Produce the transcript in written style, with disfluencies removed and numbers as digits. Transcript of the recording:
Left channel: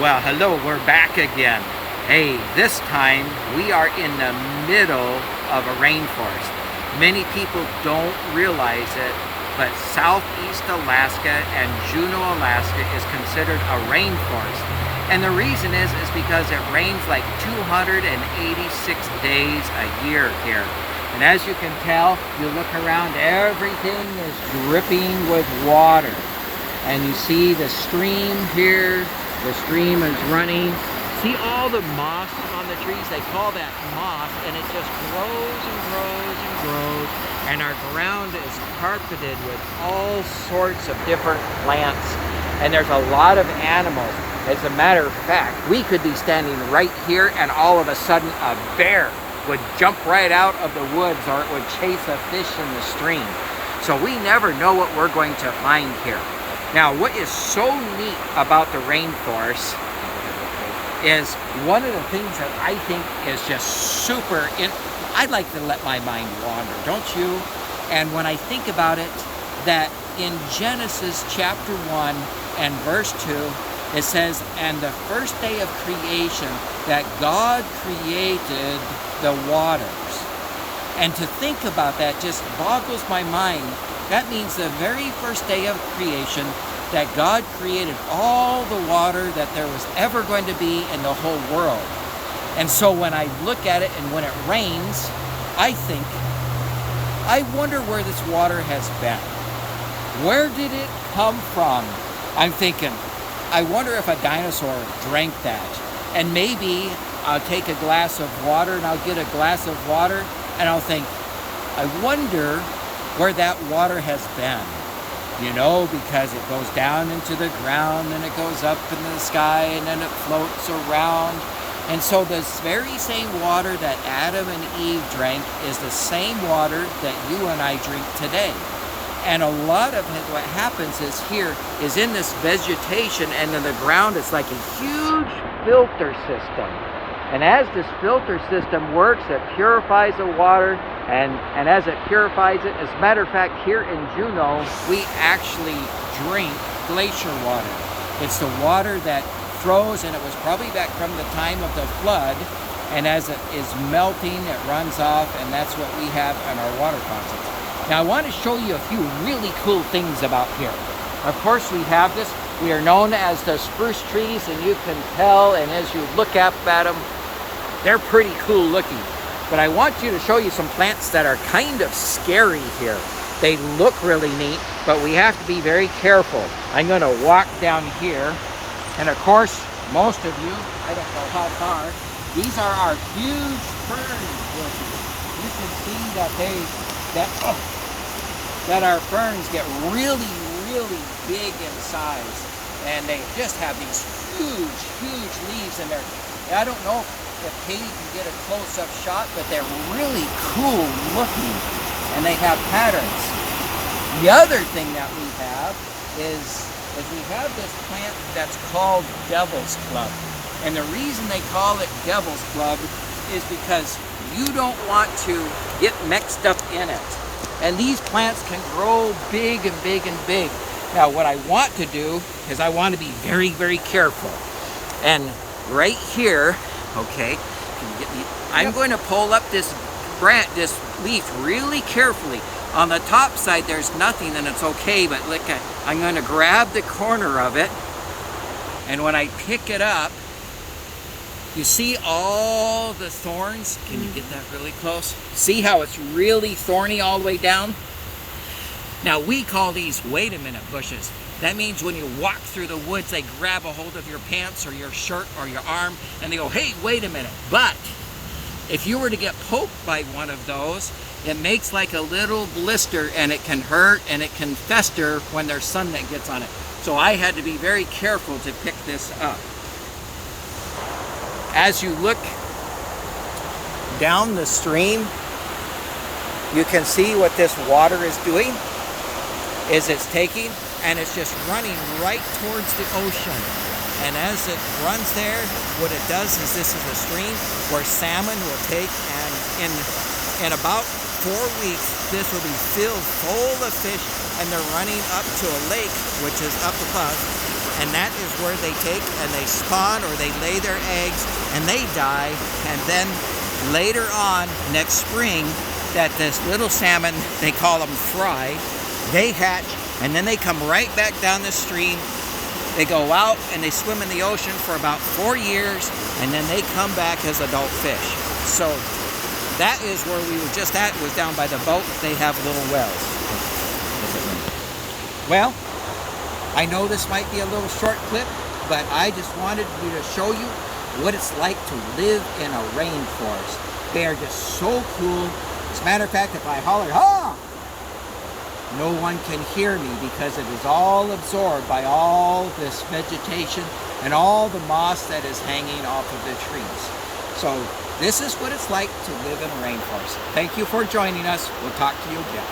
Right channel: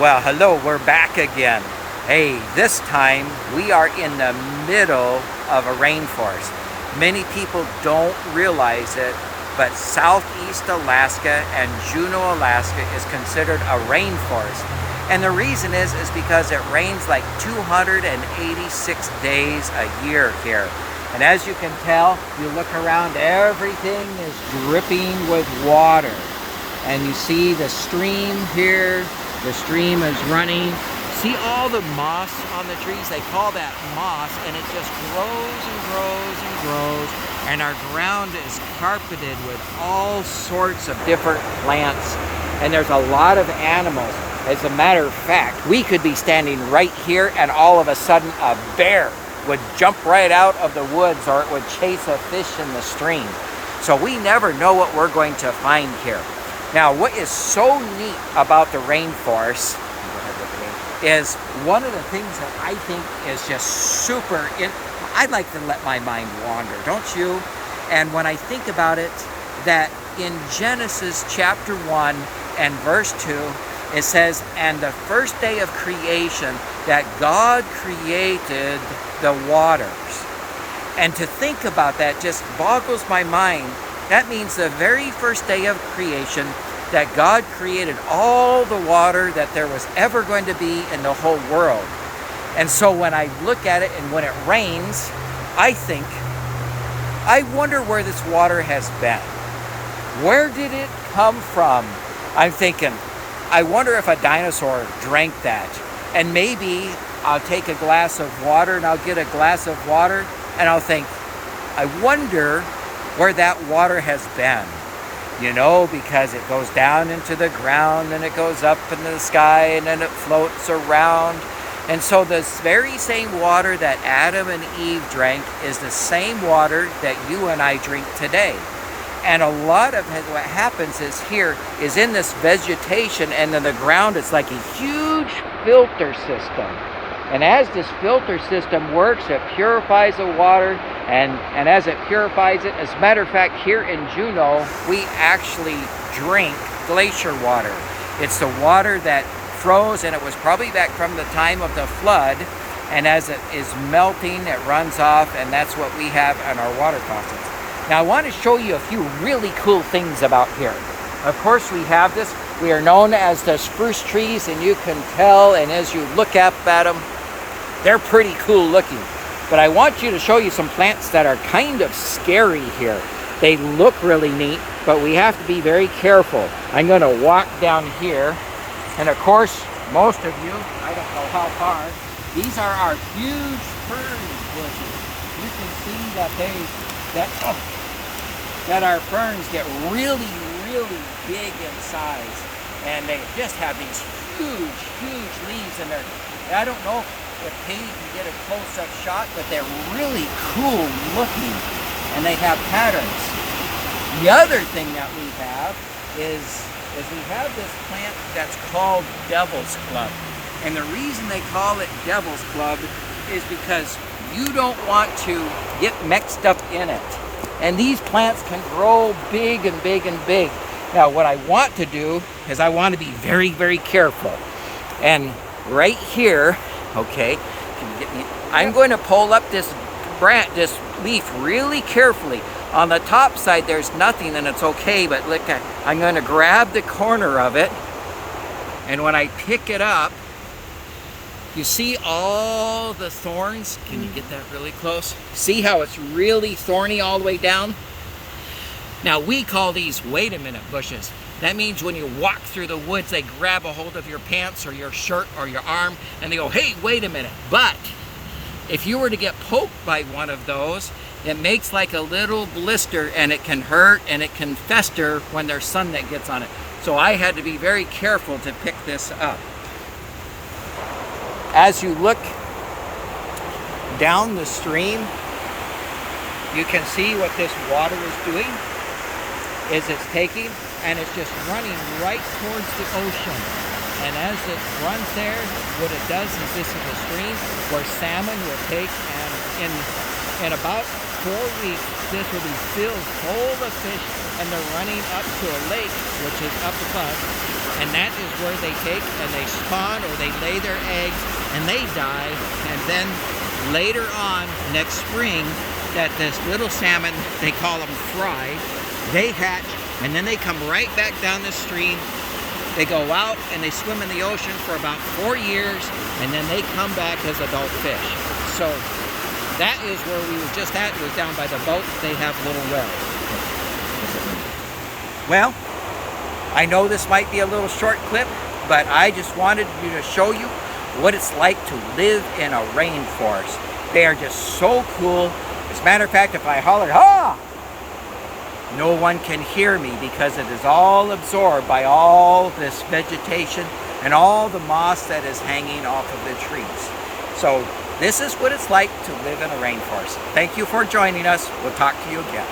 Well, hello, we're back again. Hey, this time we are in the middle of a rainforest. Many people don't realize it, but Southeast Alaska and Juneau, Alaska is considered a rainforest. And the reason is because it rains like 286 days a year here. And as you can tell, you look around, everything is dripping with water. And you see the stream here. The stream is running. See all the moss on the trees? They call that moss, and it just grows and grows and grows. And our ground is carpeted with all sorts of different plants. And there's a lot of animals. As a matter of fact, we could be standing right here, and all of a sudden a bear would jump right out of the woods, or it would chase a fish in the stream. So we never know what we're going to find here. Now, what is so neat about the rainforest is one of the things that I think is just super, I like to let my mind wander, don't you? And when I think about it, that in Genesis chapter 1 and verse 2, it says, "And the first day of creation, that God created the waters." And to think about that just boggles my mind. That means the very first day of creation that God created all the water that there was ever going to be in the whole world. And so when I look at it and when it rains, I wonder where this water has been. Where did it come from? I'm thinking, I wonder if a dinosaur drank that. And maybe I'll take a glass of water and I'll get a glass of water and I'll think, I wonder where that water has been, you know, because it goes down into the ground and it goes up in the sky and then it floats around. And so this very same water that Adam and Eve drank is the same water that you and I drink today. And a lot of what happens is here is in this vegetation and in the ground, it's like a huge filter system. And as this filter system works, it purifies the water, and as it purifies it, as a matter of fact, here in Juneau, we actually drink glacier water. It's the water that froze, and it was probably back from the time of the flood, and as it is melting, it runs off, and that's what we have in our water faucets. Now, I want to show you a few really cool things about here. Of course, we have this. We are known as the spruce trees, and you can tell, and as you look up at them, they're pretty cool looking. But I want you to show you some plants that are kind of scary here. They look really neat, but we have to be very careful. I'm going to walk down here, and of course, most of you, I don't know how far, these are our huge fern bushes. You can see that our ferns get really, really big in size, and they just have these huge leaves in there. I don't know if Katie can get a close-up shot, but they're really cool looking, and they have patterns. The other thing that we have is we have this plant that's called Devil's Club. And the reason they call it Devil's Club is because you don't want to get mixed up in it. And these plants can grow big and big and big. Now, what I want to do is I want to be very, very careful. And right here, okay, I'm going to pull up this this leaf really carefully. On the top side, there's nothing and it's okay, but look, I'm going to grab the corner of it, and when I pick it up, you see all the thorns? Can you get that really close? See how it's really thorny all the way down? Now, we call these wait a minute bushes. That means when you walk through the woods, they grab a hold of your pants or your shirt or your arm, and they go, hey, wait a minute. But if you were to get poked by one of those, it makes like a little blister, and it can hurt and it can fester when there's sun that gets on it. So I had to be very careful to pick this up. As you look down the stream, you can see what this water is doing. Is it's taking and it's just running right towards the ocean. And as it runs there, what it does is this is a stream where salmon will take, and in about 4 weeks, this will be filled full of fish, and they're running up to a lake, which is up above, and that is where they take and they spawn or they lay their eggs and they die. And then later on, next spring, that this little salmon, they call them fry, they hatch, and then they come right back down the stream. They go out and they swim in the ocean for about 4 years, and then they come back as adult fish. So that is where we were just at. It was down by the boat. They have little wells. Well, I know this might be a little short clip, but I just wanted to show you what it's like to live in a rainforest. They are just so cool. As a matter of fact, if I holler, "Ah!" no one can hear me because it is all absorbed by all this vegetation and all the moss that is hanging off of the trees. So this is what it's like to live in a rainforest. Thank you for joining us. We'll talk to you again.